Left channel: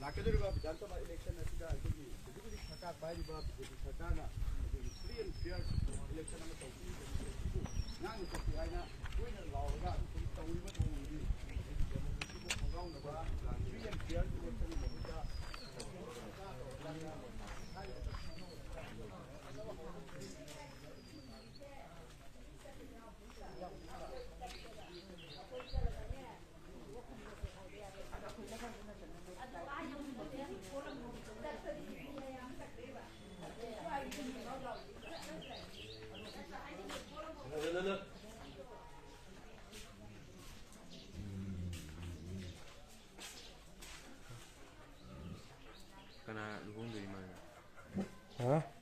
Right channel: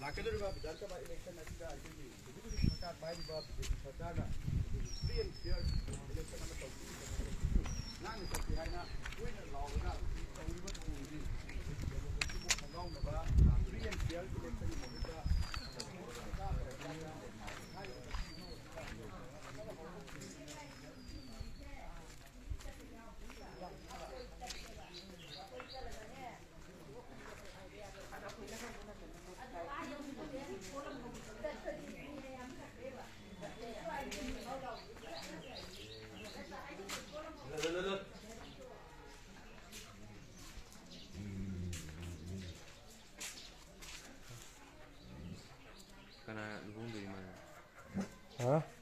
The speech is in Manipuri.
ꯂꯥꯛꯀꯗꯧꯔꯤꯕ ꯕꯤꯙꯥꯟ ꯁꯚꯥ ꯏꯂꯦꯛꯁꯟ ꯑꯁꯤꯗ ꯑꯩꯈꯣꯏꯒꯤ ꯍꯧꯖꯤꯛ ꯍꯧꯖꯤꯛ ꯁꯔꯀꯥꯔ ꯄꯥꯏꯔꯤꯕ ꯕꯤ.ꯖꯦ.ꯄꯤ. ꯁꯔꯀꯥꯔꯅ ꯑꯩꯈꯣꯏꯒꯤ ꯐ꯭ꯔꯤ ꯑꯦꯟ ꯐꯤꯌꯔ ꯏꯂꯦꯛꯁꯟ ꯑꯃ ꯇꯧꯕꯒꯤ ꯉꯥꯛꯅ ꯆꯠꯀꯦ ꯍꯥꯏꯅ ꯇꯣꯏꯅ ꯂꯥꯎꯔꯒ ꯇꯧꯔꯤꯕ ꯊꯧꯑꯣꯡꯗꯤ ꯗꯦꯃꯣꯀ꯭ꯔꯦꯁꯤꯕꯨ ꯈꯣꯡꯖꯥꯎꯅꯕ ꯐ꯭ꯔꯤ ꯑꯦꯟ ꯐꯤꯌꯔ ꯏꯂꯦꯛꯁꯟꯒꯤ ꯃꯍꯨꯠꯇ Kana dukung dari mana? Hah?